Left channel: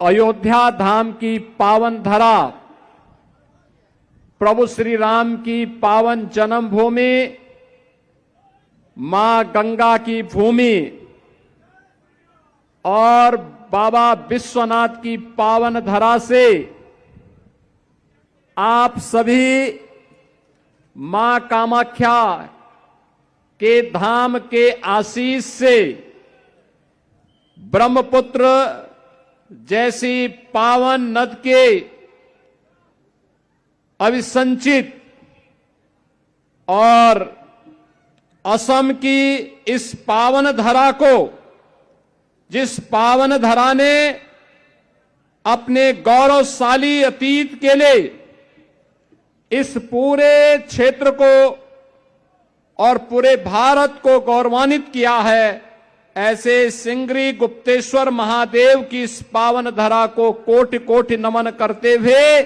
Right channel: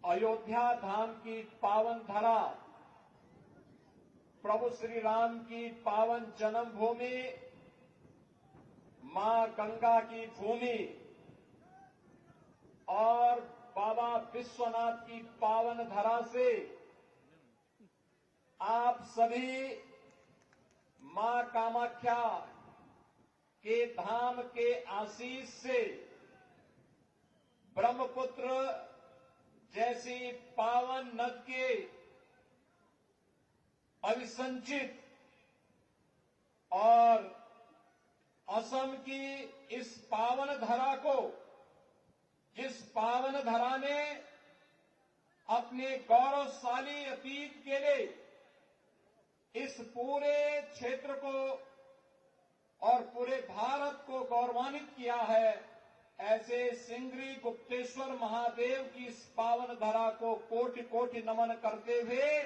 अयोध्या धाम की पावन धरा, प्रभु श्री राम की पावन जन्मभूमि, मां गंगा की भूमि और बाबा विश्वनाथ की पावन धरा से आप सभी मां कामाख्या के धाम के आशीष से ब्रह्मपुत्र जैसी पावन नद के अविसंचित और असम की इस पावन धरा को, जिस पावन धरा ने अपने गौरवशाली अतीत के लिए इस पूरे क्षेत्र को और पूरे भारत को गौरवान्वित किया है, ऐसे सिंगरी गुप्तेश्वर महादेव की इस पावन धरा को कोटि कोटि नमन करते हुए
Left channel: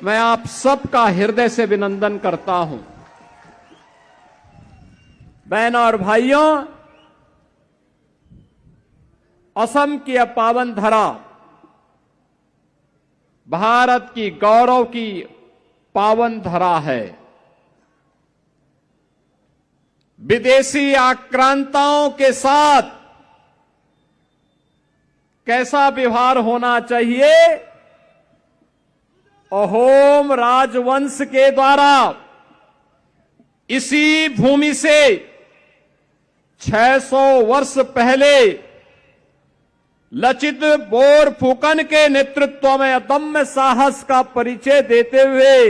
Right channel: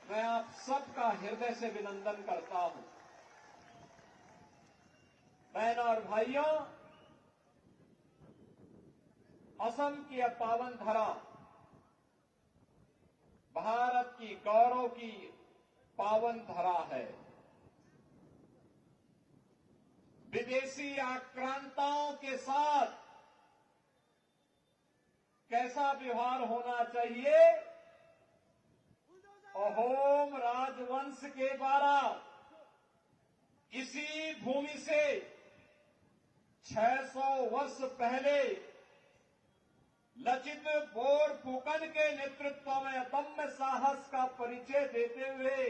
मैं आप सबका हृदय से अभिनंदन करता हूं। बहनों और भाइयों, असम की यह पावन धरा भारत की गौरव की पावन धरा है। विदेशी आक्रांताओं के साथ कैसा व्यवहार होना चाहिए, अहोम राजवंश के द्वारा इसी भूमि से 600 वर्ष पहले लचित बोरफुकन के नेतृत्व में अदम्य साहस का परिचय देते हुए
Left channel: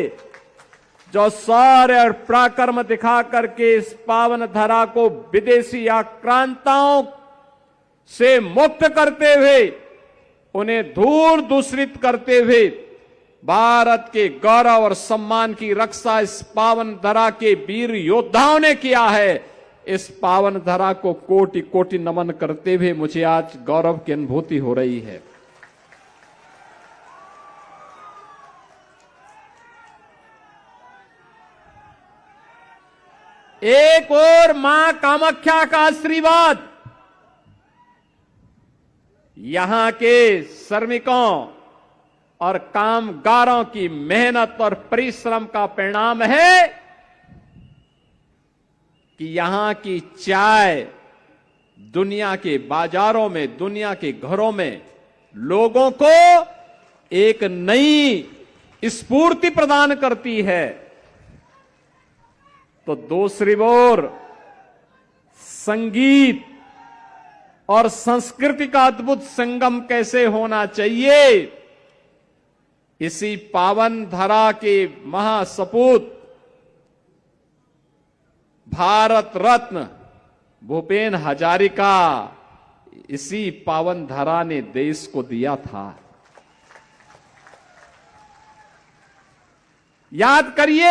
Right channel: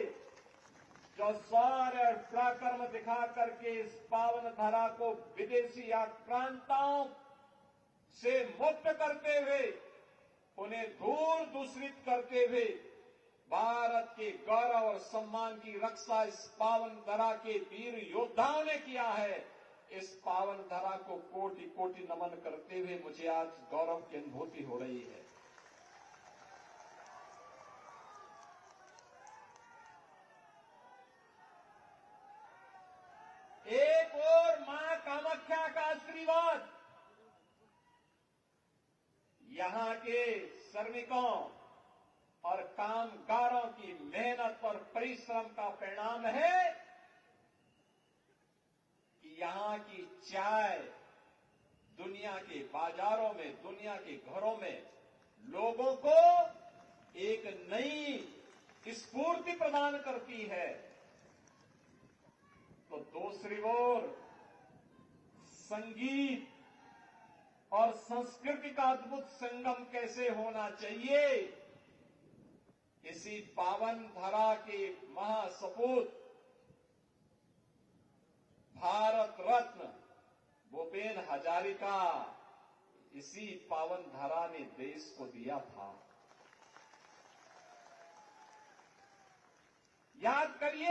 जो शौर्य और पराक्रम दिखा करके इस पावन धरा को विदेशी आक्रांताओं से मुक्त करते हुए, उन्हें दूर दूषित करते हुए भारत के गौरव और सम्मान की रक्षा इस पावन धरा के वीर योद्धाओं ने किया है। इस पावन धरा को कोटि कोटि नमन करते हुए मुझे आज गौरव की अनुभूति हो रही है। एक और मां कामाख्या का आशीर्वाद यहां के श्रमिकों और कामगारों की मेहनत और परिश्रम का परिणाम है कि यहां की चाय दुनिया के बाजारों में, दुनिया के घरों में लोगों को एक नई स्फूर्ति प्रदान करती है। तो दूसरी ओर संगीत और संस्कृति का अद्भुत संगम कैसे होना चाहिए, इसी पावन धरा के महासपूत भारत रत्न भूपेन हजारिका इसी पावन धरा ने देश को दिया था। याद करिए,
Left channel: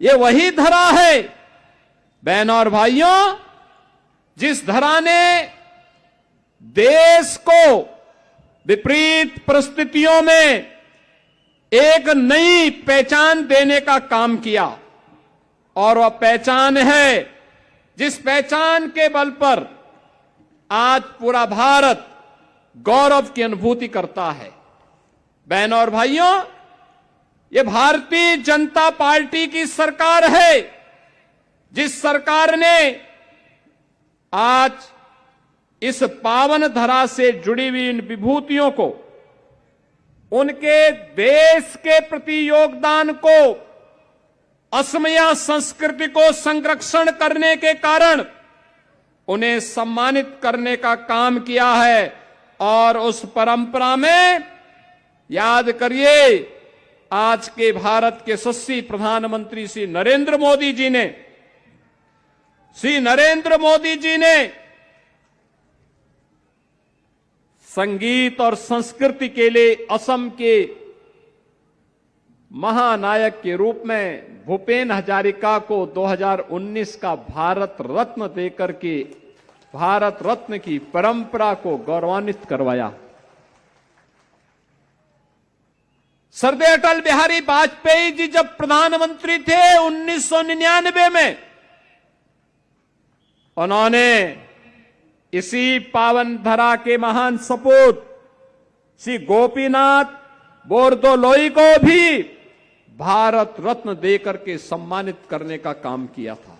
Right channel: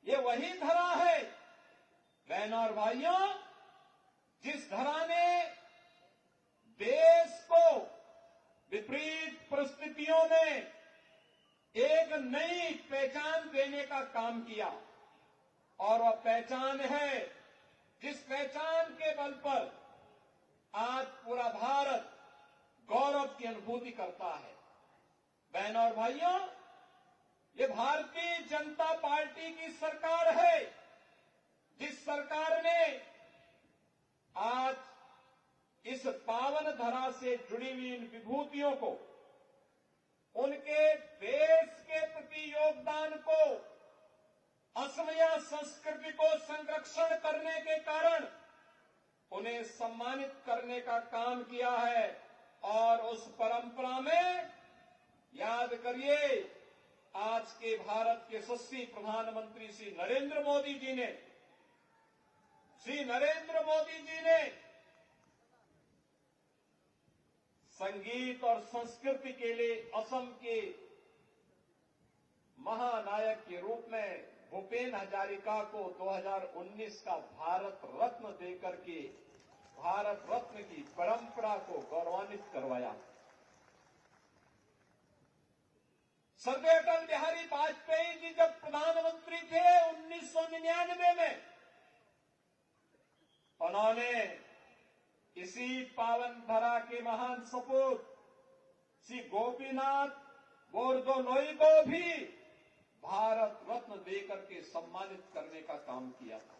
ये वही धरा है बहनों और भाइयों, जिस धरा ने देश को विपरीत परिस्थितियों में एक नई पहचान देने का काम किया। और वह पहचान है जिस पहचान के बल पर आज पूरा भारत गौरव की अनुभूति करता है। बहनों और भाइयों, ये भारतीय जनता पार्टी की सरकार है, जिस सरकार ने आज इस पावन धरा से जुड़ी हुई इन विभूतियों को, उनके देश के प्रति योगदान को, असमिया संस्कृति को संरक्षण करने के कारण उन्हें सम्मानित करने का काम किया है। और उस परंपरा में याद करिए, आज के भारत के यशस्वी प्रधानमंत्री श्री नरेंद्र मोदी जी ने संगीत और संस्कृति के लिए असम के महानायक के रूप में भूपेन हजारिका को 2019 का भारत रत्न देकर के भारत रत्न की परंपरा को गौरवान्वित करवाया। सरदार अटल बिहारी वाजपेयी जी जब प्रधानमंत्री थे 1999 में, उन्होंने इसी पावन धरा के महान सपूत श्री गोपीनाथ बोरदोलोई को भी भारत रत्न देकर के सम्मानित करने का काम किया था।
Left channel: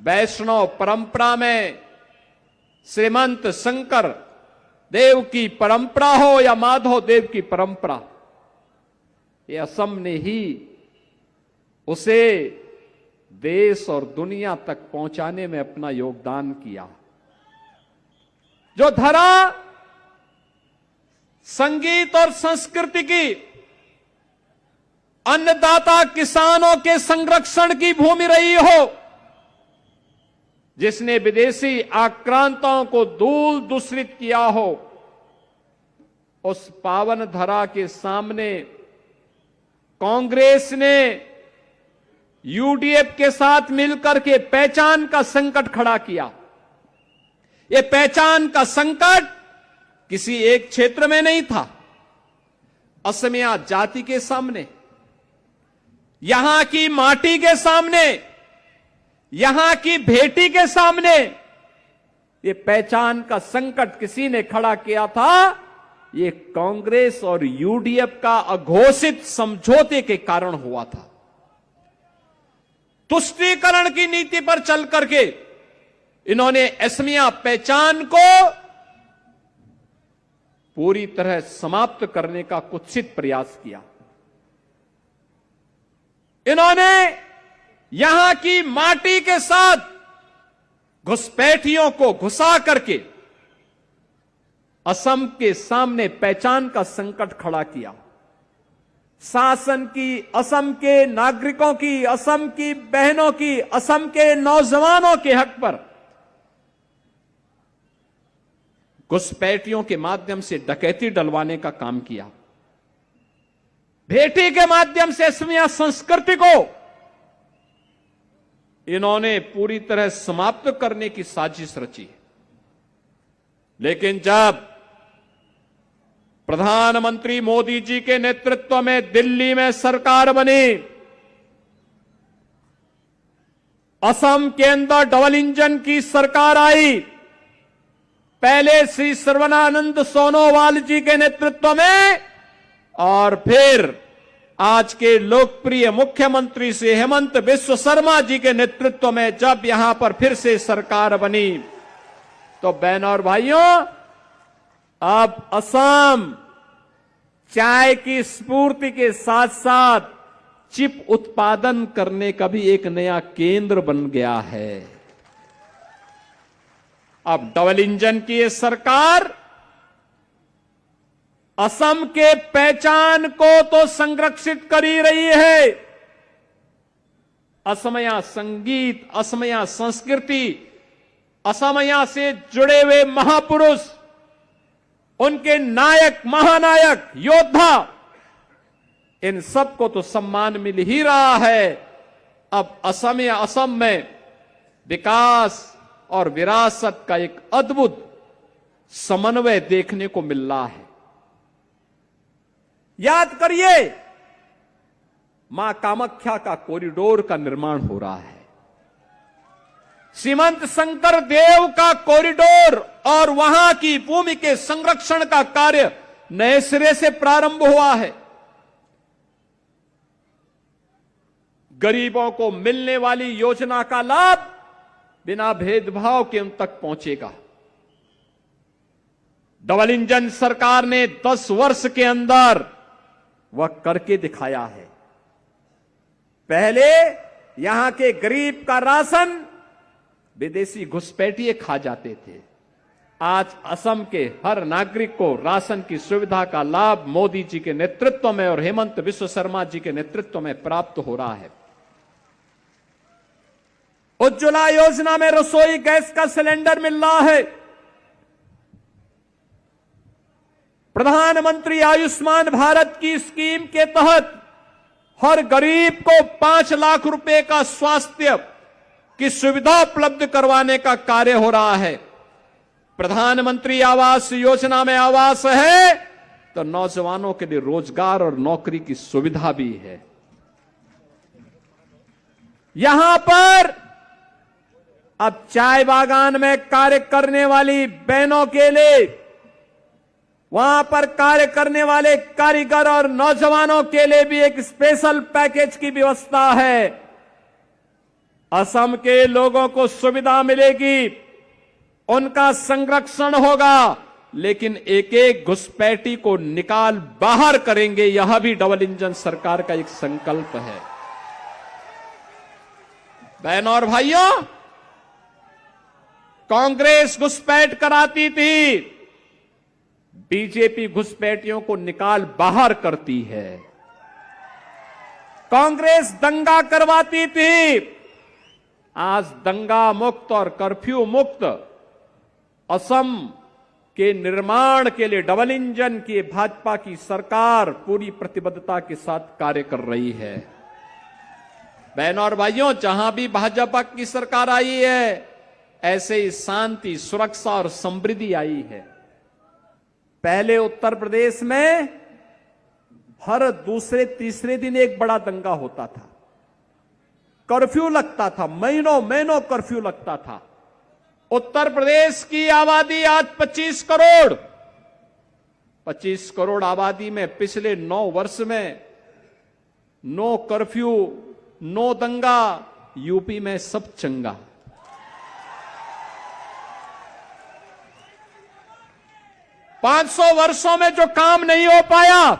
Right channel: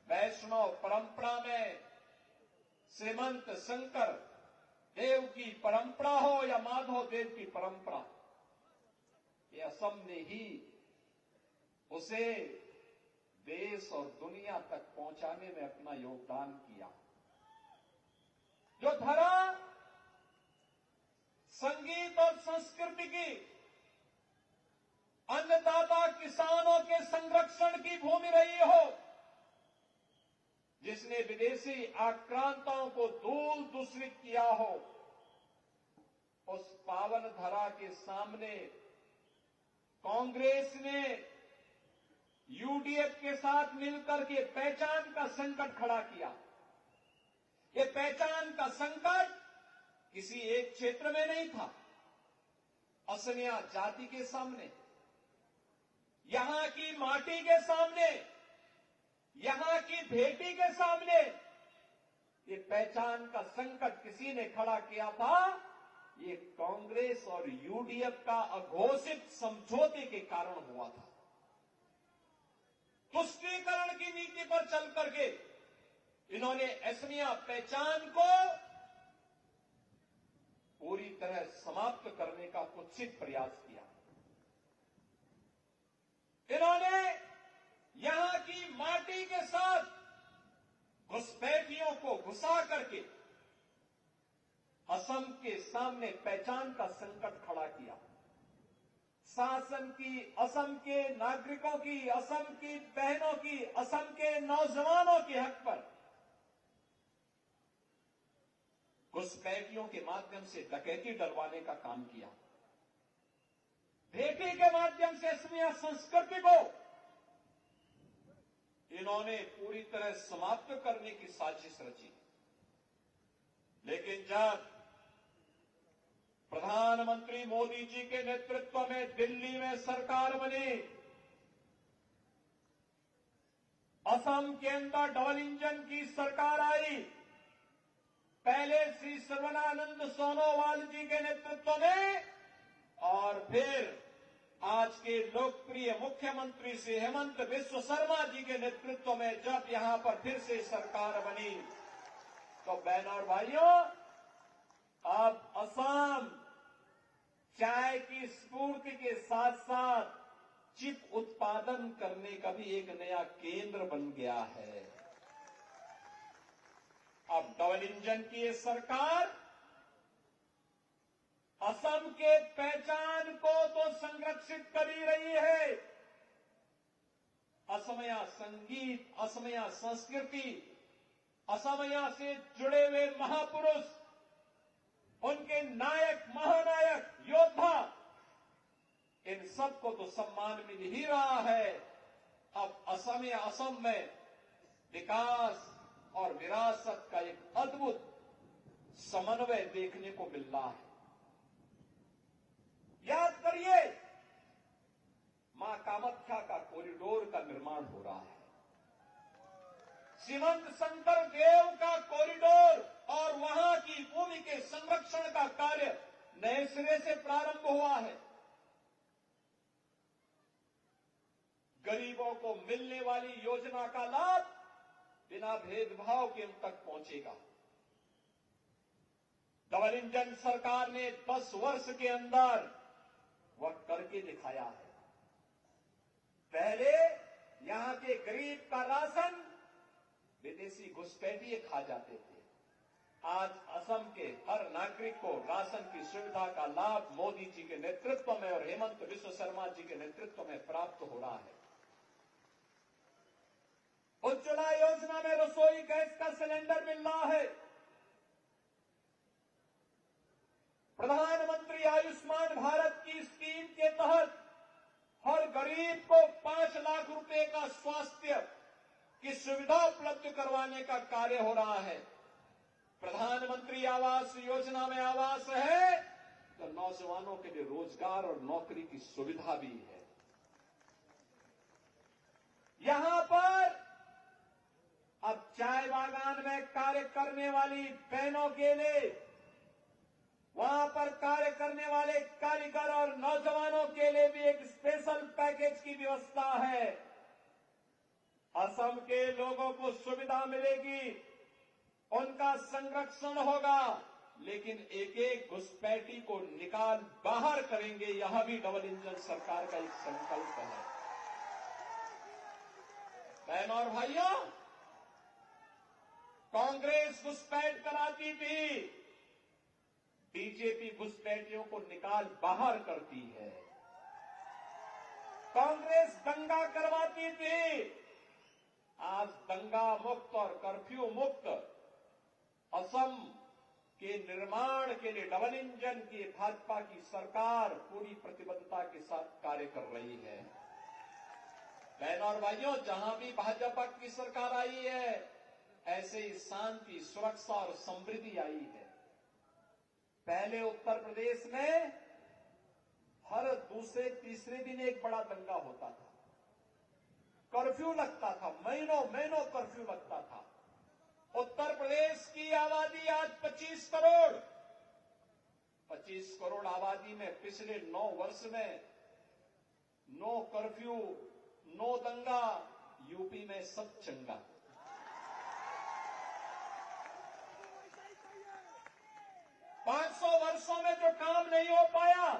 वैष्णव परंपरा में श्रीमंत शंकर देव की परंपरा हो या माधव देव की परंपरा, ये असम ने ही उसे देश और दुनिया तक पहुंचाने में अपना योगदान किया। जो धरा संगीत और संस्कृति की, अन्नदाता किसानों के संरक्षण की भूमि रही हो, जिसने विदेशी आक्रांताओं को धूल दूषित किया हो, उस पावन धरा के सामने कांग्रेस ने यूडीएफ के साथ मिलकर के पहचान का संकट खड़ा किया। यह पहचान का संकट किसी एक क्षेत्र में नहीं था, असमिया जाति के सामने, यहां की माटी के सामने, यहां की बेटी के सामने ये पहचान का संकट किसी ने खड़ा किया था। ये कांग्रेस और यूडीएफ का अघोषित समझौते के कारण हुआ था। तुष्टीकरण की नीति पर चल करके इन्होंने असमिया पहचान को पूरी तरह समाप्त करने का कुत्सित प्रयास किया। इन्होंने यहां की माटी के साथ घुसपैठियों को घुसा करके असम के सामने पहचान का संकट खड़ा किया। शासन की, असम के नागरिकों की, असम की बहनों की, असम के नौजवानों के हक पर घुसपैठियों के माध्यम से डकैती डलवाने का काम किया। भेटी के माध्यम से असमिया संस्कृति को इन्होंने पूरी तरह समाप्त करने की साजिश रची। लेकिन जब प्रधानमंत्री मोदी जी के नेतृत्व में दिल्ली में सरकार बनी, असम के अंदर डबल इंजन की सरकार आई, पहले श्री सर्बानंद सोनोवाल जी के नेतृत्व में और फिर आज के लोकप्रिय मुख्यमंत्री श्री हेमंत बिस्व शर्मा जी के नेतृत्व में जब यहां पर फिर से सरकार बनी, तो बहनों और भाइयों, अब असम चाय की स्फूर्ति के साथ साथ चिप उत्पादन करने का भी एक नया केंद्र बन गया है। अब डबल इंजन की ये सरकार असम के पहचान को तो संरक्षित कर ही रही है। असमिया संगीत, असमिया संस्कृति, असमिया से जुड़े हुए महापुरुष, उनके नायक, महानायक, योद्धा, इन सबको तो सम्मान मिल ही रहा है। अब असम में विकास और विरासत का एक अद्भुत समन्वय देखने को मिल रहा है। याद करिए, मां कामाख्या का कॉरिडोर का निर्माण हो रहा है, श्रीमंत शंकर देव का कॉरिडोर और वहां की भूमि के संरक्षण का कार्य नए सिरे से प्रारंभ हुआ है। गरीबों को मिलने वाली योजना का लाभ बिना भेदभाव के उन तक पहुंचेगा। डबल इंजन सरकार ने 10 वर्ष के अंदर वह करके दिखाया है। पहले यहां के गरीब का राशन विदेशी घुसपैठिए खा जाते थे। आज असम के हर नागरिक को राशन की सुविधा का लाभ मोदी जी के नेतृत्व में और हेमंत बिस्व शर्मा जी के नेतृत्व में प्राप्त हो रहा है। उज्ज्वला योजना में रसोई गैस का सिलेंडर मिल रहा है। प्रधानमंत्री आयुष्मान भारत की स्कीम के तहत हर गरीब को 5 लाख रुपए का स्वास्थ्य की सुविधा उपलब्ध करवाने का कार्य हो रहा है। प्रधानमंत्री आवास योजना में आवास है तो नौजवानों के लिए रोजगार और नौकरी की सुविधा भी है। यहां पर अब चाय बागान में कार्य करने वाली बहनों के लिए वहां पर कार्य करने वाले कारीगर और नौजवानों के लिए भी एक स्पेशल पैकेज की व्यवस्था है। असम के लोगों को सुविधा मिलेगी, उनका संरक्षण होगा, लेकिन एक एक घुसपैठी को निकाल बाहर करेंगे। यह भी डबल इंजन सरकार का एक संकल्प है। बहनों और भाइयों, कांग्रेस घुसपैठ कराती थी, बीजेपी घुसपैठियों को निकाल बाहर करती है। कांग्रेस दंगा करवाती थी, आज दंगा मुक्त और कर्फ्यू मुक्त असम के निर्माण के लिए डबल इंजन की भाजपा की सरकार पूरी प्रतिबद्धता के साथ कार्य कर रही है। बहनों और भाइयों, जहां भी भाजपा की सरकार आई है, ऐसे ही शांति, सुरक्षा और समृद्धि आई है। पहले उत्तर प्रदेश में हर दूसरे तीसरे दिन एक बड़ा दंगा होता था, कर्फ्यू लगता था, महीनों महीनों कर्फ्यू लगता था। उत्तर प्रदेश की आबादी आज 25 करोड़, 25 करोड़ आबादी में पिछले 9 वर्ष में नो कर्फ्यू, नो दंगा, यूपी में सब चंगा। पांच 500 वर्षों में जो काम नहीं हो पाया,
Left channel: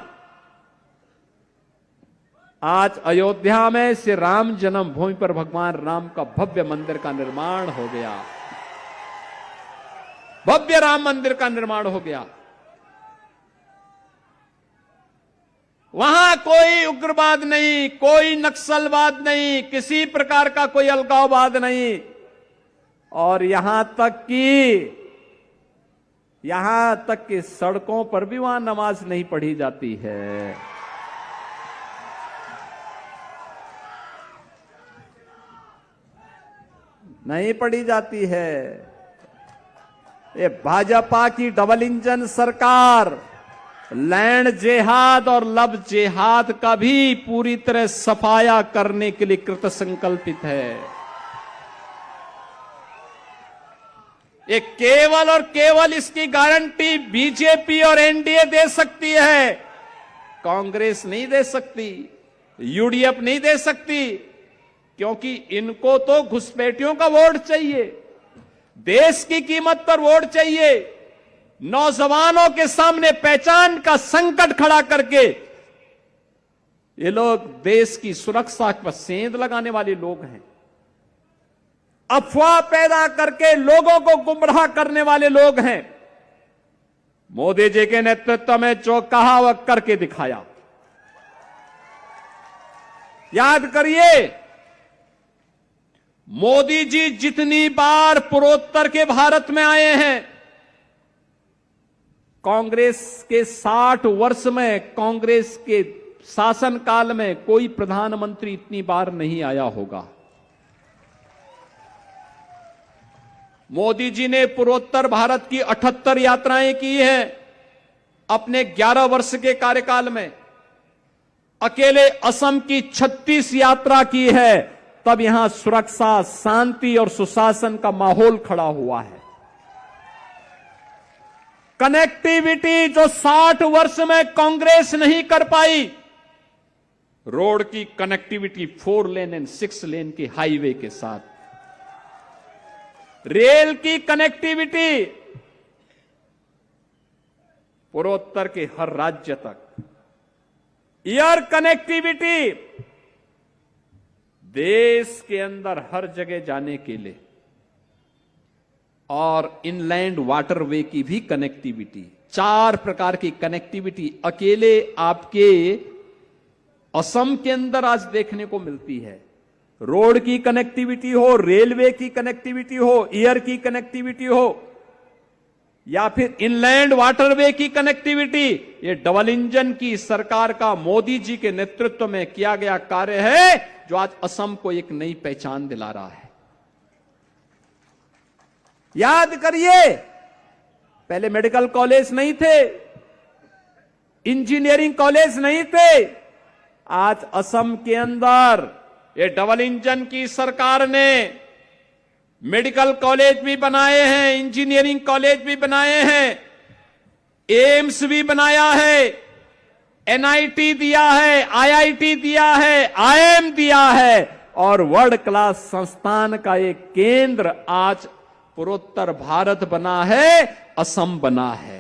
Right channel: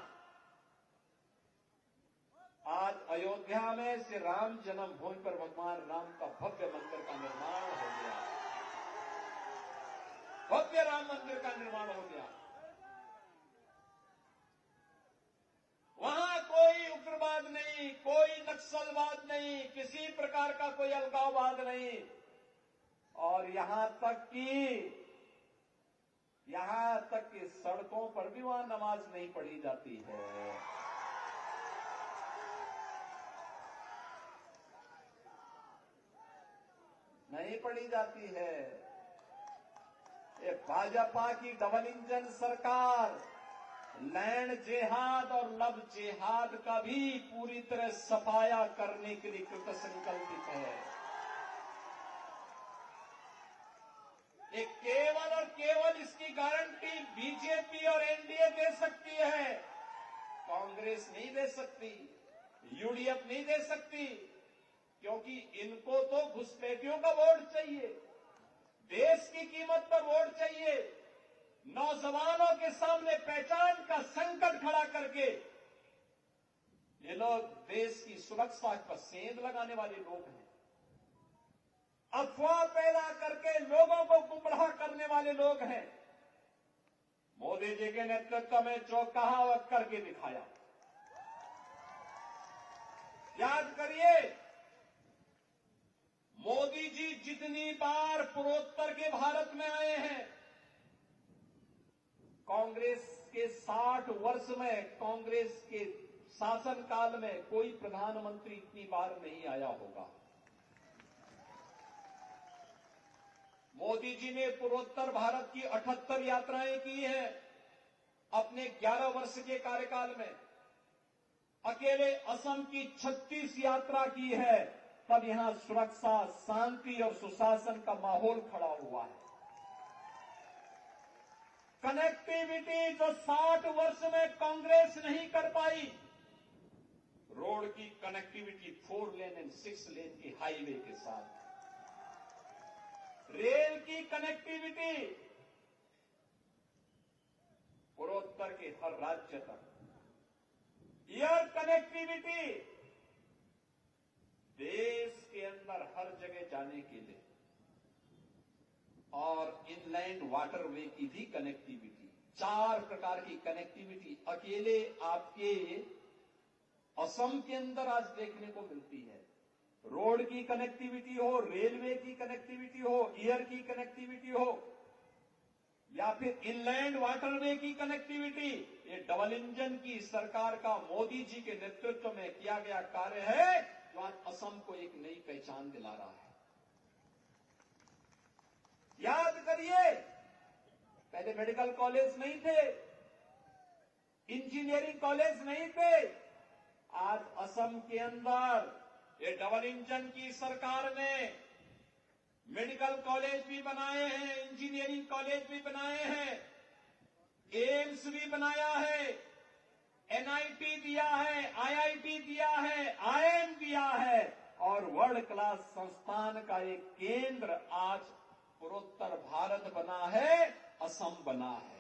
आज अयोध्या में श्री राम जन्मभूमि पर भगवान राम का भव्य मंदिर का निर्माण हो गया। भव्य राम मंदिर का निर्माण हो गया। वहां कोई उग्रवाद नहीं, कोई नक्सलवाद नहीं, किसी प्रकार का कोई अलगाववाद नहीं। और यहां तक कि सड़कों पर भी वहां नमाज नहीं पढ़ी जाती है। नहीं पढ़ी जाती है। ये भाजपा की डबल इंजन सरकार लैंड जेहाद और लव जेहाद का भी पूरी तरह सफाया करने के लिए कृत संकल्पित है। ये केवल और केवल इसकी गारंटी बीजेपी और एनडीए दे सकती है, कांग्रेस नहीं दे सकती, यूडीएफ नहीं दे सकती, क्योंकि इनको तो घुसपैठियों का वोट चाहिए, देश की कीमत पर वोट चाहिए। नौजवानों के सामने पहचान का संकट खड़ा करके ये लोग देश की सुरक्षा पर सेंध लगाने वाले लोग हैं। अफवाह पैदा करके लोगों को गुमराह करने वाले लोग हैं। मोदी जी के नेतृत्व में जो कहा वह करके दिखाया। याद करिए, मोदी जी जितनी बार पूर्वोत्तर के भारत में आए हैं, कांग्रेस के 60 वर्ष में, कांग्रेस के शासनकाल में कोई प्रधानमंत्री इतनी बार नहीं आया होगा। मोदी जी ने पूर्वोत्तर भारत की 78 यात्राएं की हैं अपने 11 वर्ष के कार्यकाल में। अकेले असम की 36 यात्रा की है, तब यहां सुरक्षा, शांति और सुशासन का माहौल खड़ा हुआ है। कनेक्टिविटी जो 60 वर्ष में कांग्रेस नहीं कर पाई, रोड की कनेक्टिविटी 4 लेन एंड 6 लेन की हाईवे के साथ, रेल की कनेक्टिविटी पूर्वोत्तर के हर राज्य तक, एयर कनेक्टिविटी देश के अंदर हर जगह जाने के लिए, और इनलैंड वाटरवे की भी कनेक्टिविटी, 4 प्रकार की कनेक्टिविटी अकेले आपके असम के अंदर आज देखने को मिलती है। रोड की कनेक्टिविटी हो, रेलवे की कनेक्टिविटी हो, एयर की कनेक्टिविटी हो, या फिर इनलैंड वाटरवे की कनेक्टिविटी, ये डबल इंजन की सरकार का मोदी जी के नेतृत्व में किया गया कार्य है, जो आज असम को एक नई पहचान दिला रहा है। याद करिए, पहले मेडिकल कॉलेज नहीं थे, इंजीनियरिंग कॉलेज नहीं थे। आज असम के अंदर ये डबल इंजन की सरकार ने मेडिकल कॉलेज भी बनाए हैं, इंजीनियरिंग कॉलेज भी बनाए हैं। एम्स भी बनाया है, एनआईटी दिया है, आईआईटी दिया है, आईएम दिया है और वर्ल्ड क्लास संस्थान का एक केंद्र आज पूर्वोत्तर भारत बना है, असम बना है।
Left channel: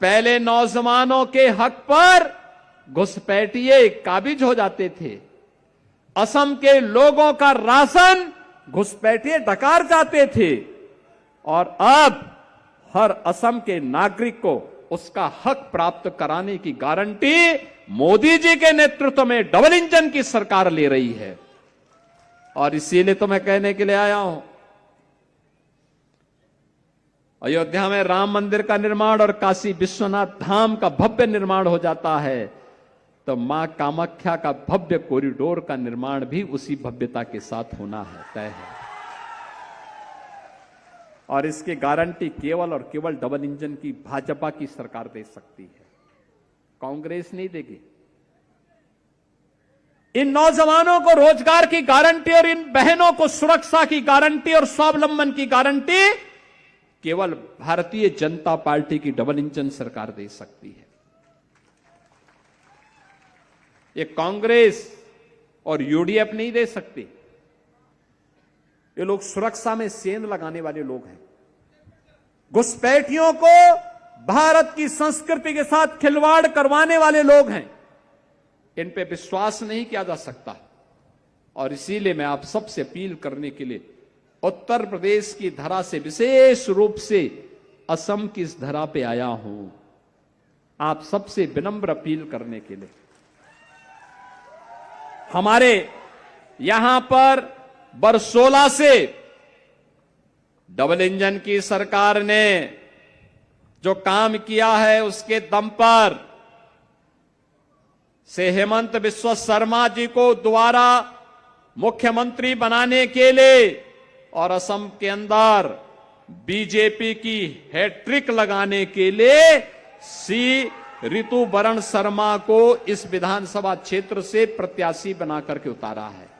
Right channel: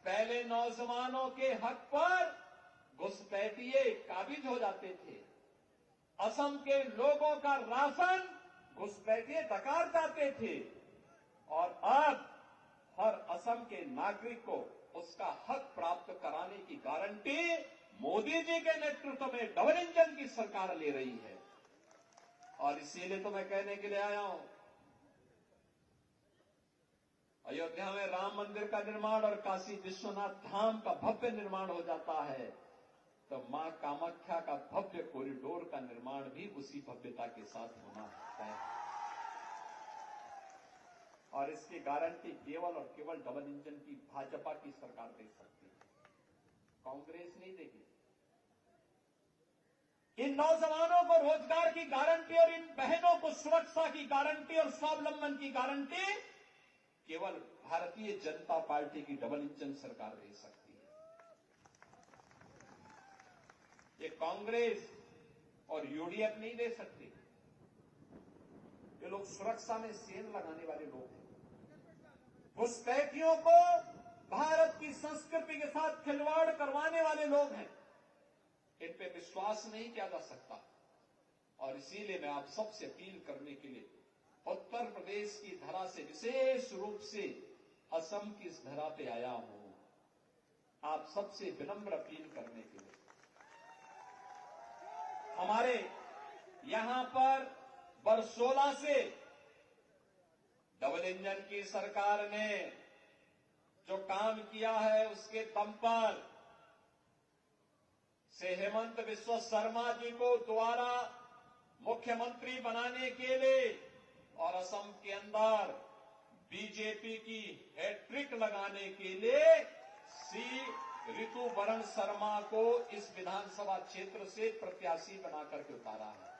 पहले नौजवानों के हक पर घुसपैठिए काबिज हो जाते थे। असम के लोगों का राशन घुसपैठिए डकार जाते थे और अब हर असम के नागरिक को उसका हक प्राप्त कराने की गारंटी मोदी जी के नेतृत्व में डबल इंजन की सरकार ले रही है। और इसीलिए तो मैं कहने के लिए आया हूं, अयोध्या में राम मंदिर का निर्माण और काशी विश्वनाथ धाम का भव्य निर्माण हो जाता है तो मां कामाख्या का भव्य कॉरिडोर का निर्माण भी उसी भव्यता के साथ होना है, तय है। और इसकी गारंटी केवल और केवल डबल इंजन की भाजपा की सरकार दे सकती है, कांग्रेस नहीं देगी। इन नौजवानों को रोजगार की गारंटी और इन बहनों को सुरक्षा की गारंटी और स्वावलंबन की गारंटी केवल भारतीय जनता पार्टी की डबल इंजन सरकार दे सकती है। ये कांग्रेस और यूडीएफ नहीं दे सकती। ये लोग सुरक्षा में सेंध लगाने वाले लोग हैं, घुसपैठियों को भारत की संस्कृति के साथ खिलवाड़ करवाने वाले लोग हैं। इन पे विश्वास नहीं किया जा सकता और इसीलिए मैं आप सबसे अपील करने के लिए उत्तर प्रदेश की धरा से विशेष रूप से असम की इस धरा पे आया हूं, आप सबसे विनम्र अपील करने के लिए। हमारे यहां पर बरसोला से डबल इंजन की सरकार ने जो काम किया है उसके दम पर से हेमंत बिस्वा शर्मा जी को दोबारा मुख्यमंत्री बनाने के लिए और असम के अंदर बीजेपी की हैट्रिक लगाने के लिए सी ऋतुवरण शर्मा को इस विधानसभा क्षेत्र से प्रत्याशी बना करके उतारा है।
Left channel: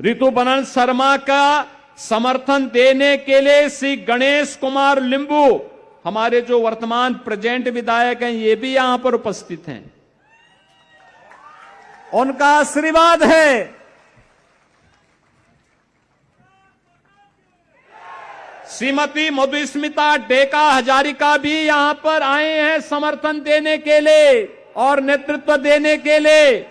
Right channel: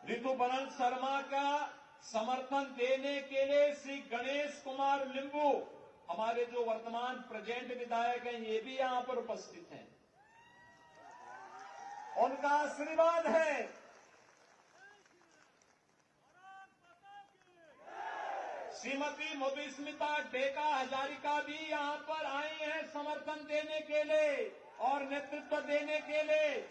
ऋतुवरण शर्मा का समर्थन देने के लिए श्री गणेश कुमार लिंबू, हमारे जो वर्तमान प्रेजेंट विधायक हैं, ये भी यहां पर उपस्थित हैं। उनका आशीर्वाद है। श्रीमती मधुस्मिता डेका हजारिका भी यहां पर आए हैं समर्थन देने के लिए और नेतृत्व देने के लिए।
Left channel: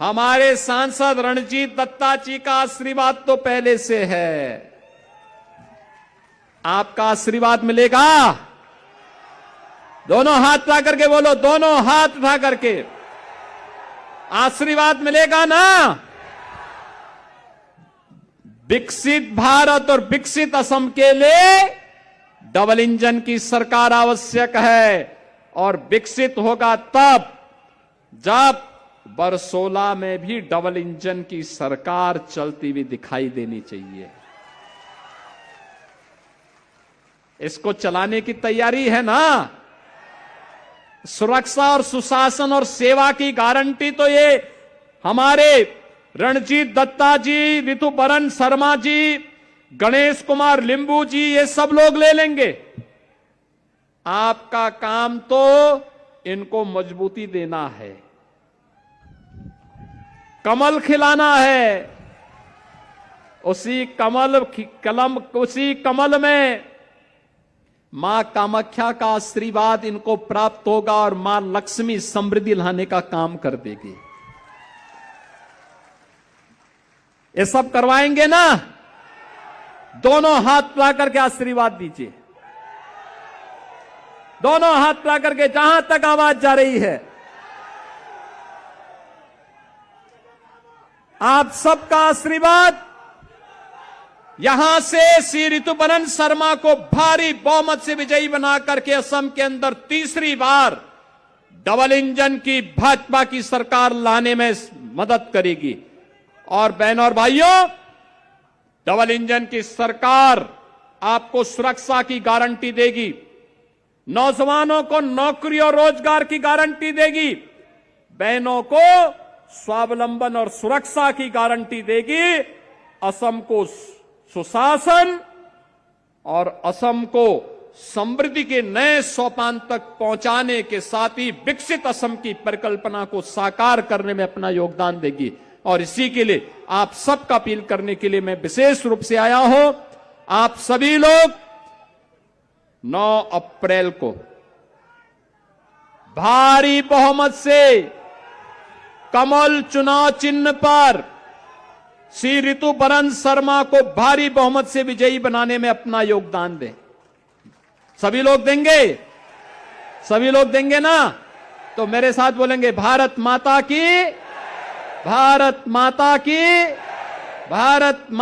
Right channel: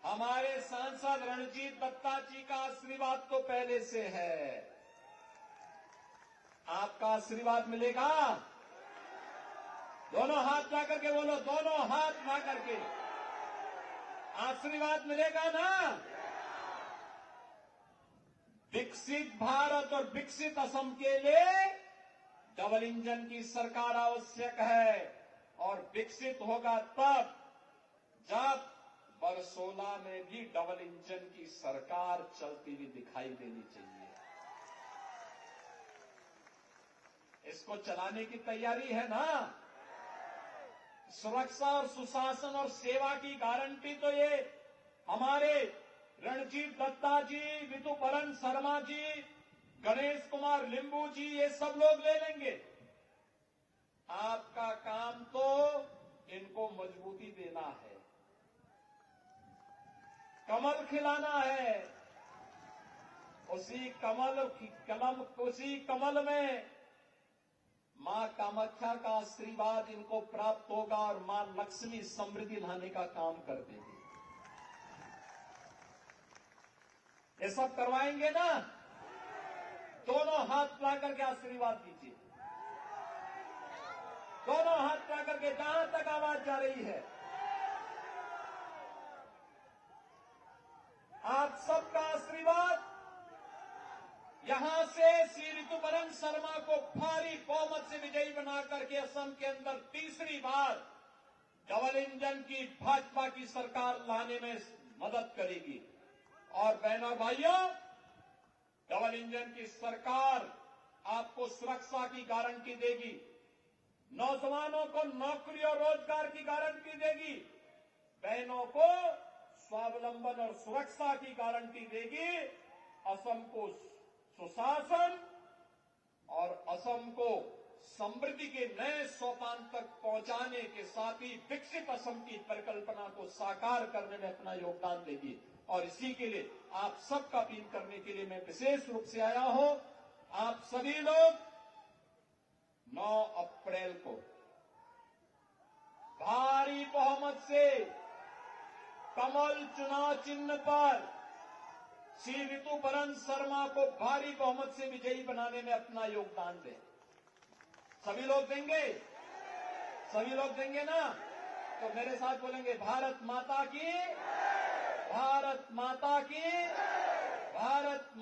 हमारे सांसद रणजीत दत्ता जी का आशीर्वाद तो पहले से है। आपका आशीर्वाद मिलेगा? दोनों हाथ उठा करके बोलो, दोनों हाथ उठा करके आशीर्वाद मिलेगा ना? विकसित भारत और विकसित असम के लिए डबल इंजन की सरकार आवश्यक है और विकसित होगा तब जब बरसोला में भी डबल इंजन की सरकार चलती हुई दिखाई देनी चाहिए। इसको चलाने की तैयारी है ना? सुरक्षा और सुशासन और सेवा की गारंटी तो ये हमारे रणजीत दत्ता जी, ऋतुवरण शर्मा जी, गणेश कुमार लिंबू जी, ये सब लोग ले लेंगे। आपका काम तो इनको मजबूती देना है, कमल खिलाना है। उसी कमल में मां कामाख्या का आशीर्वाद इनको प्राप्त होगा और मां लक्ष्मी समृद्धि लाने का काम कर देगी। ये सब करवाएंगे ना? दोनों हाथ ला करके आशीर्वाद दीजिए, दोनों हाथ ला करके, जहां तक आवाज जा रही है। आप सबका आशीर्वाद यहां से श्री ऋतुवरण शर्मा को भारी बहुमत से विजयी बना करके असम के अंदर तीसरी बार डबल इंजन की भाजपा की सरकार लाने में मदद करेगी। और बहनों और भाइयों, डबल इंजन की सरकार आपको सुरक्षा की गारंटी देगी, नौजवानों को नौकरी और रोजगार की गारंटी देगी, बहनों को स्वावलंबन और सुरक्षा की गारंटी देगी। असम को सुशासन और असम को समृद्धि के नए सोपान तक पहुंचाने के साथ ही विकसित असम की परिकल्पना को साकार करने में अपना योगदान देगी। और इसी के लिए आप सबका अपील करने के लिए मैं विशेष रूप से आया हूं। आप सभी लोग 9 अप्रैल को भारी बहुमत से कमल चुनाव चिन्ह पर श्री ऋतुपर्ण शर्मा को भारी बहुमत से विजयी बनाने में अपना योगदान दें। सभी लोग देंगे? सभी लोग देंगे ना? तो मेरे साथ बोलेंगे, भारत माता की, भारत माता की, भारत